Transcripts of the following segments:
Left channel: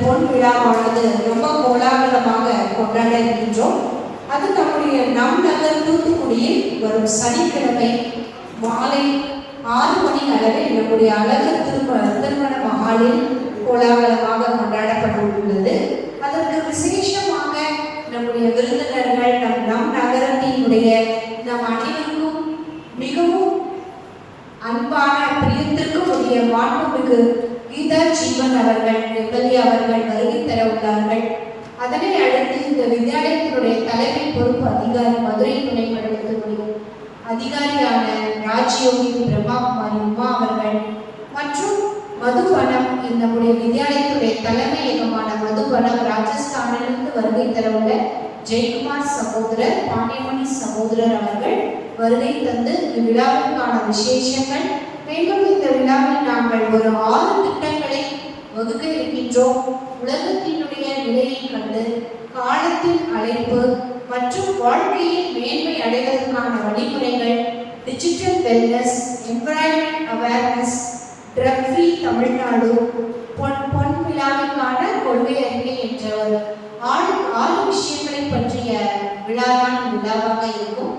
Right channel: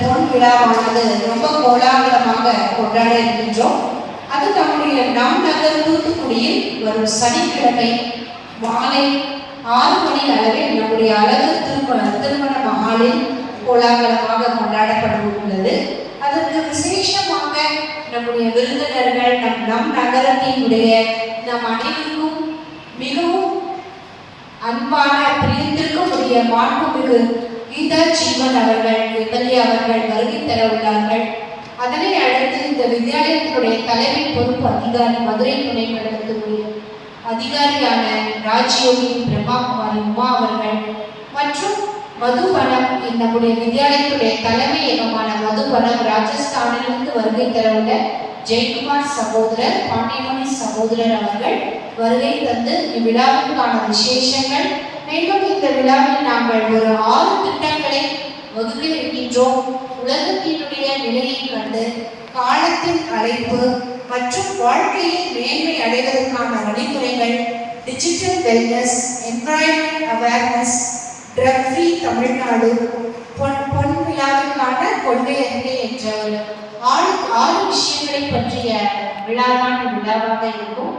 பொன் விழாவானது ரொம்ப கோலாகலமாக கொண்டாட இருக்கின்றோம் அது நம்முடைய நாம் நகர் தூத்துக்குடியில் வரும் சனிக்கிழமை மாலை ஆறு மணி அளவில் நம்முடைய அழகு திருமண திருமண மகாலில் கோலாகலமாக கொண்டாடப்பட உள்ளது அதற்கு விசேஷமாக நம்முடைய விருந்தினர்கள் நம் நம் நகரத்தினுடைய நம் அனைவருக்கும் மிகவும் அன்பான பிரியத்திற்கும் உரிய மாண்புமிகு கீதா ஜீவன் அவர்கள் எம்எல்ஏ அவர்கள் வருகை தர உள்ளார்கள். அதனை அடுத்து இந்த வித்யாலயத்தினுடைய தலைமை பொறுப்பு அதிகாரி மதுரை துணை மண்டலத்துடைய அதிகாரியான ராஜ்யோகி பிரம்மாகுமாரி உமா அவர்கள் மற்றும் மதுபனம் நம்முடைய வித்யாலயத்துடைய தலைமையகமான மதுபனம் ராஜஸ்தானிலிருந்து வருகை உள்ள ஜெயக்குமார் சகோதரர் பாண்டியமணி சகோதரர் அவர்கள் வருகை தந்து இவ்விழாவிற்கான விசேஷங்கள். மேலும் இந்த விழாவில் நாங்கள் ஒரு ஆறு திட்டங்களை வகுக்க இருக்கின்றோம். உலகத்தினுடைய நிலையை கண்டு காலத்தின் அழைப்பு மற்றும் வாழ்க்கையில் மேன்மை அடைவதற்கான வழிமுறைகள் digital wellness environment awareness drug free Tamil Nadu பொன் பொன் விழாவிற்கான கொள்கை அறிக்கை என்ற ஒரு ஆறு ஆறு விஷயங்களை பற்றிய விழாவான விழாவாக இருக்கும்.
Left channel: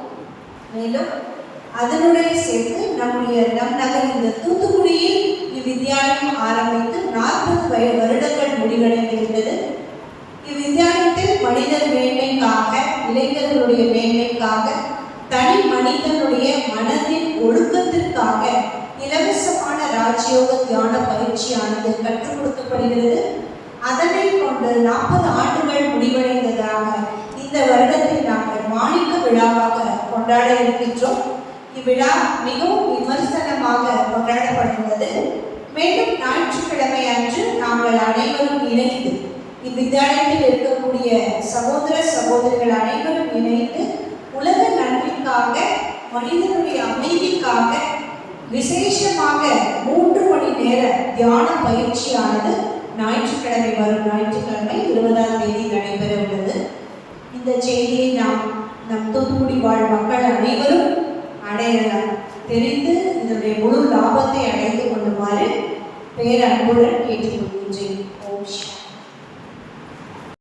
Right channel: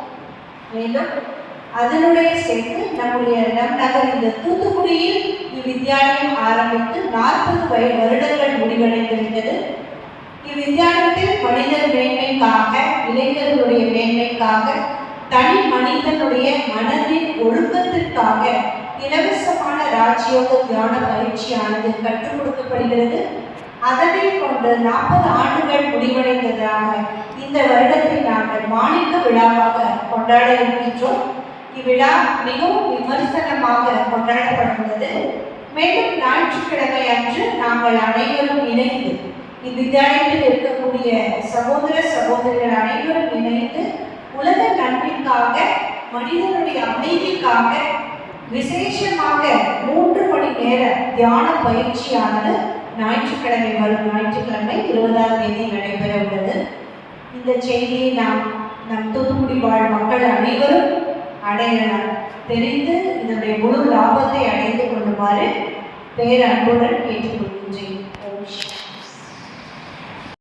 மேலும் அதனுடைய சேர்த்து நம்முடைய நம் நகர் இந்த தூத்துக்குடியில் இவ்வித்யாலயம் ஆரம்பித்து நாற்பது வய வருடங்கள் முடிவடைந்திருந்தது. இவ்வித்யாலயத்தில் மனிதர் மேன்மைக்காக இளைஞர்களுடைய மேன்மைக்காக தனி மனிதனுடைய மனதின் ஒழுக்கத்திற்காக இலவசமான ராஜயோக தியான பயிற்சியானது கற்றுக் கொடுக்கப்படுகிறது. அதனை கொண்டு நாற்பது ஆண்டுகள் முடிவடைந்ததாக இந்த வருடத்தை மாணிக்க விழாவாக கொண்டாட இருக்கின்றோம். இவ்விழா மிகவும் விமர்சனமாக கொண்டாடப்படுகிறது மேலும் ஞாயிற்றுக்கிழமை அன்று நாங்கள் அனைவரும் இணைந்து இவ்வித்தியாலயத்தில் இருக்கக்கூடிய சகோதர சகோதரிகள் அனைவரும் இணைந்து உலக நன்மைக்காக மனிதனுடைய அமைதிக்காக விசேஷமாக மூன்று மணி நேர தியான பயிற்சியானது ஞாயிற்றுக்கிழமை வரும் ஞாயிற்றுக்கிழமை இருபதாம் தேதி நடைபெற உள்ளது இந்த செய்தியை நாம் நம் தூத்துக்குடி வாழ் மக்கள் அனைவரும் அடைய தெரிந்து இதனுடைய முழு லாபத்தை அடைந்து கொள்ளுமாறு பேரன்புடன் கேட்டுக்கொள்கின்றேன்.